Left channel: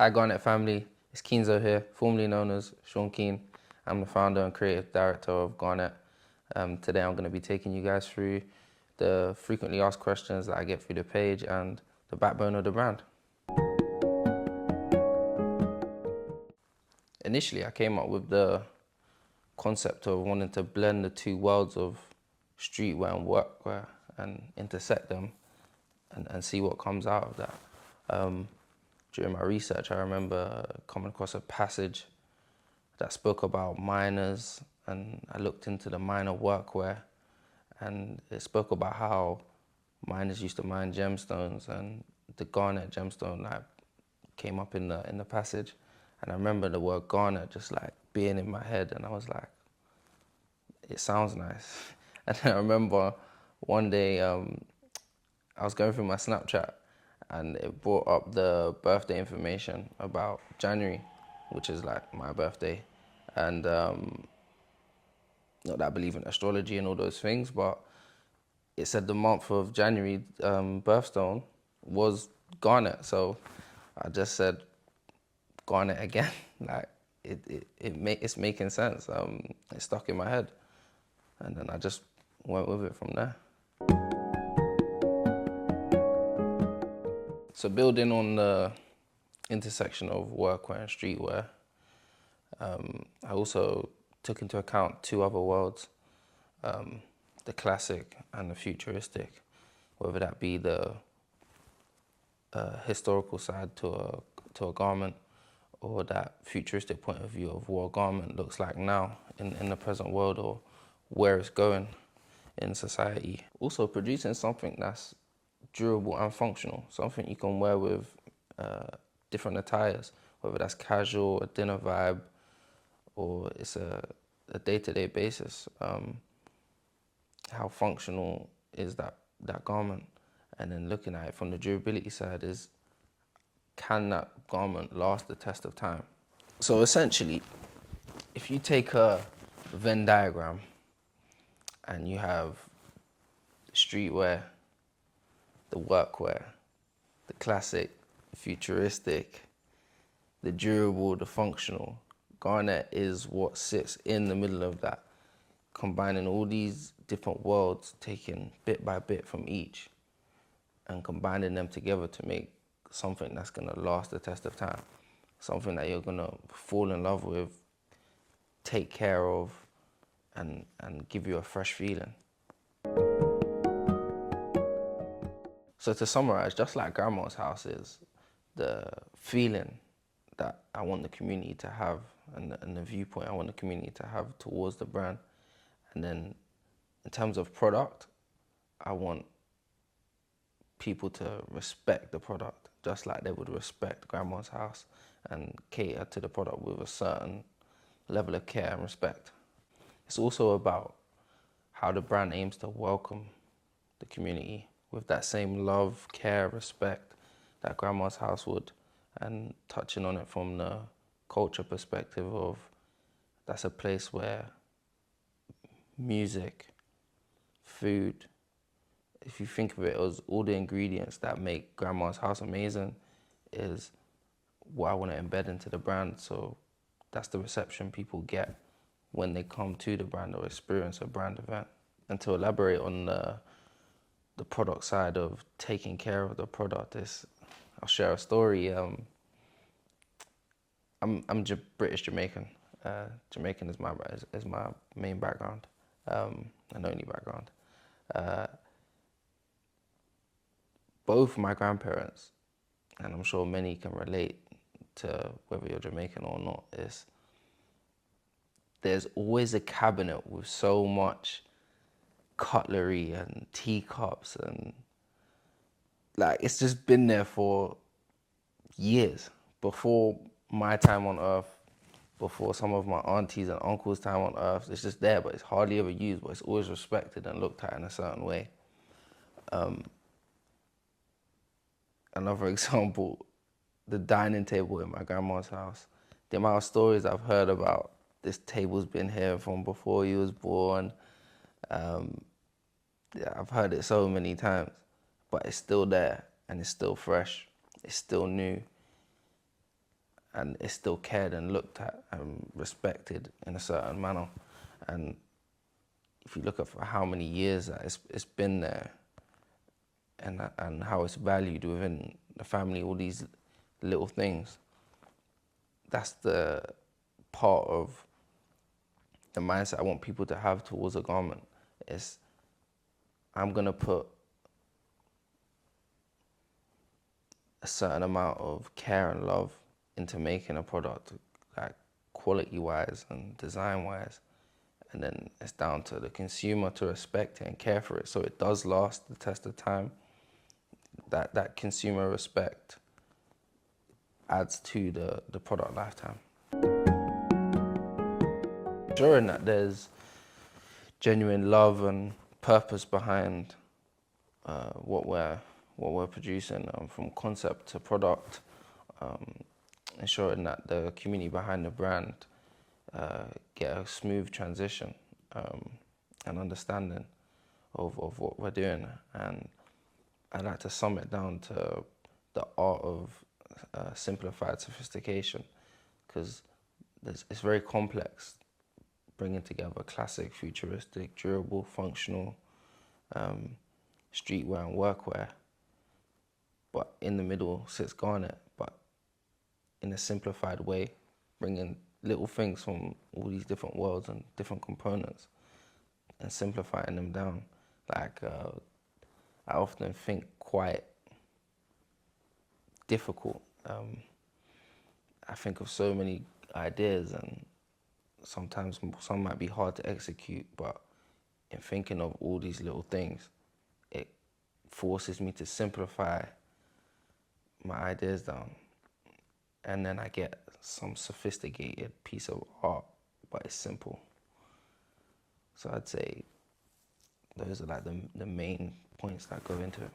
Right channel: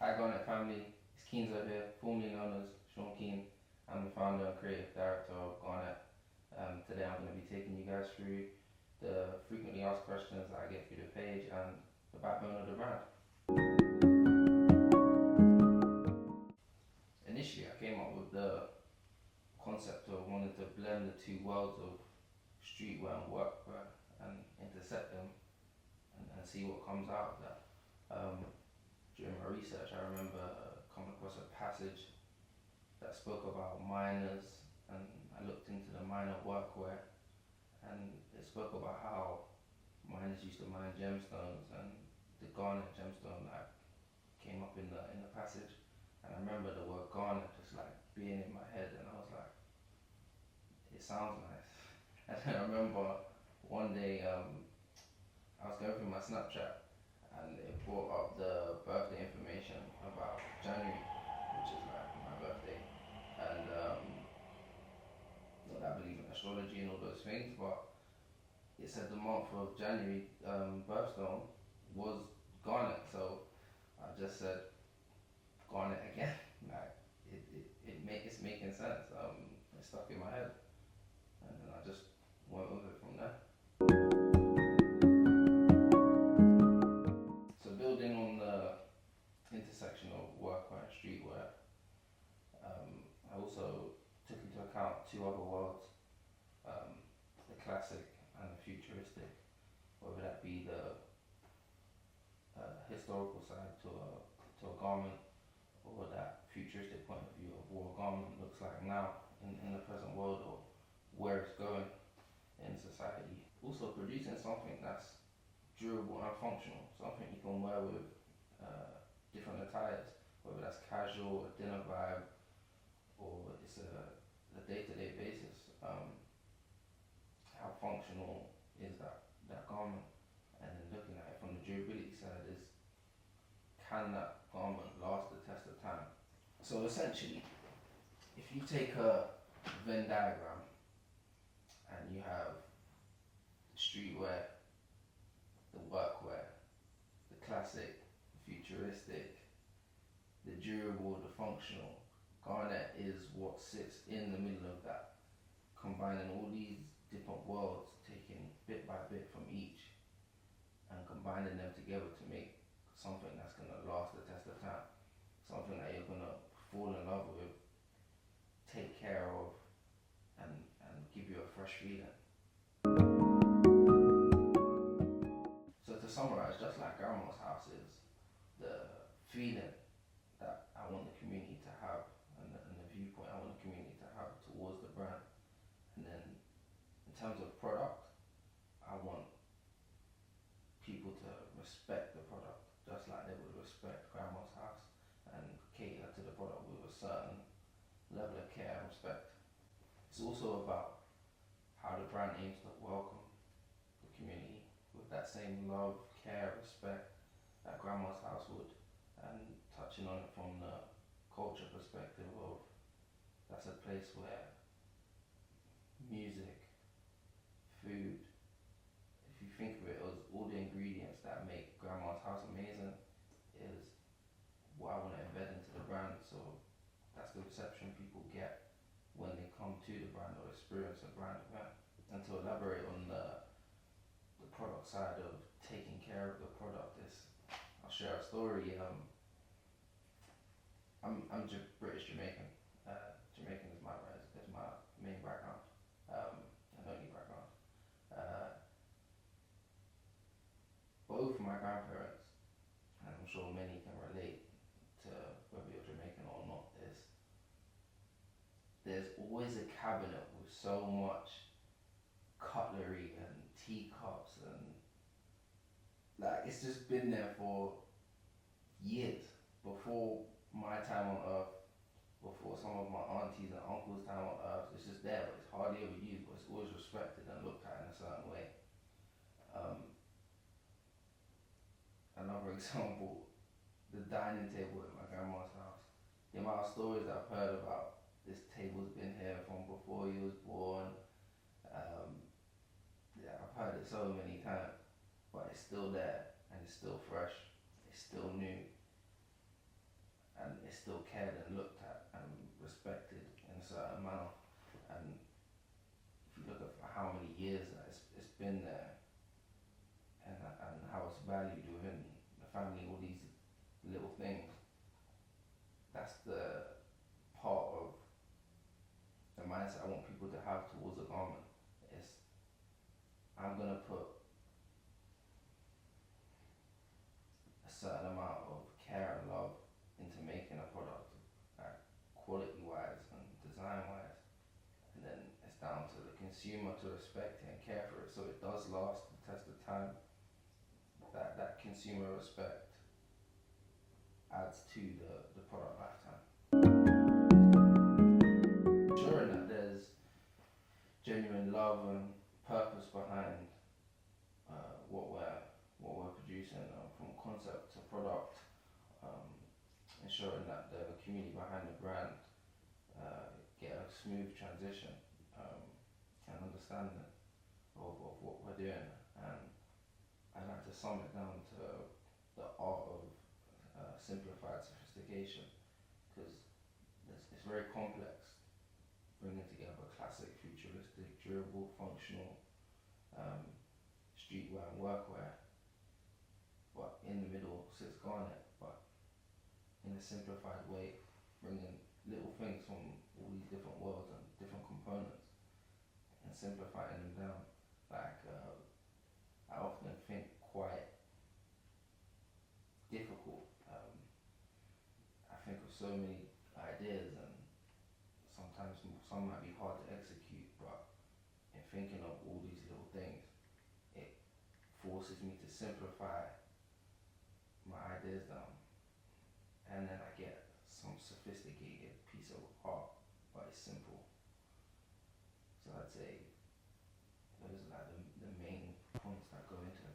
Hi Garnet family, it's Keanezo here, formerly known as Sean Keane. I'm the founder and creative director of Garnet. Today I'm going to be taking you guys through the frequently asked questions that I get through the page and the backbone of the brand. Initially I came up with the concept of wanting to blend the two worlds of streetwear and workwear and intersect them and see what comes out of that. During my research, I remember coming across a passage that spoke about miners, and I looked into the miner workwear, and it spoke about how miners used to mine gemstones, and the garnet gemstone like came up in the passage, and I remember the word garnet just like being in my head, and I was like, it sounds nice. And I remember one day I was going through my Snapchat and it brought up the birthday information about January, which is like my birthday. And not that I believe in astrology and all those things, but it said the month of January birthstone was Garnet. So I just said Garnet again. Like it's making sense. It stuck in my head, and then I just went with it from there. So building on the intersection of workwear and streetwear, I also took into account two other worlds, the classic and the futuristic, whether that be the historical side to a garment or that futuristic point of view of what a garment looks like now in the present world or where it's going in society. Also producing something that's durable and functional, something you can wear with different attires, whether that's casual, a dinner vibe, or it's a day-to-day basis. How functional is that garment? And then looking at it from the durability side is, can that garment last the test of time? So essentially, if you take a Venn diagram and you have the streetwear, the workwear, the classic, the futuristic, the durable, the functional, Garnet is what sits in the middle of that, combining all these different worlds, taking bit by bit from each and combining them together to make something that's gonna last the test of time, something that you're gonna fall in love with, take care of, and give you a fresh feeling. So to summarize, just like Grandma's house is, the feeling that I want the community to have and the viewpoint I want the community to have towards the brand. And then in terms of product, I want people to respect the product just like they would respect Grandma's house and cater to the product with a certain level of care and respect. It's also about how the brand aims to welcome the community with that same love, care, respect that Grandma's house would, and touching on it from the culture perspective of that's a place where music, food, if you think of it as all the ingredients that make Grandma's house amazing, is what I want to embed into the brand. So that's the reception people get when they come to the brand or experience a brand event. And to elaborate on the product side of taking care of the product, I'll share a story. I'm British Jamaican. Jamaican is my main background, and only background. Both my grandparents, and I'm sure many can relate to whether you're Jamaican or not, is there's always a cabinet with so much cutlery and teacups, and like it's just been there for years before my time on earth, before some of my aunties and uncles' time on earth. It's just there, but it's hardly ever used, but it's always respected and looked at in a certain way. Another example, the dining table in my grandma's house. The amount of stories I've heard about this table's been here from before you was born. Yeah, I've heard it so many times, but it's still there and it's still fresh. It's still new. and it's still cared and looked at and respected in a certain manner. And if you look at for how many years that it's been there, and how it's valued within the family, all these little things, that's the part of the mindset I want people to have towards a garment. Is I'm gonna put a certain amount of care and love into making a product, like quality-wise and design-wise, and then it's down to the consumer to respect it and care for it, so it does last the test of time. That consumer respect adds to the product lifetime. Ensuring that there's genuine love and purpose behind what we're producing, from concept to product. Ensuring that the community behind the brand get a smooth transition and understanding of what we're doing. And I like to sum it down to the art of simplified sophistication, because it's very complex, bringing together classic, futuristic, durable, functional streetwear and workwear. But in the middle sits Garnet, but in a simplified way, bringing little things from all these different worlds and different components and simplifying them down. Like, I often think quite difficult. I think of so many ideas, and sometimes some might be hard to execute, but in thinking of all these little things, it forces me to simplify my ideas down, and then I get some sophisticated piece of art, but it's simple. So I'd say those are like the main points that go into it.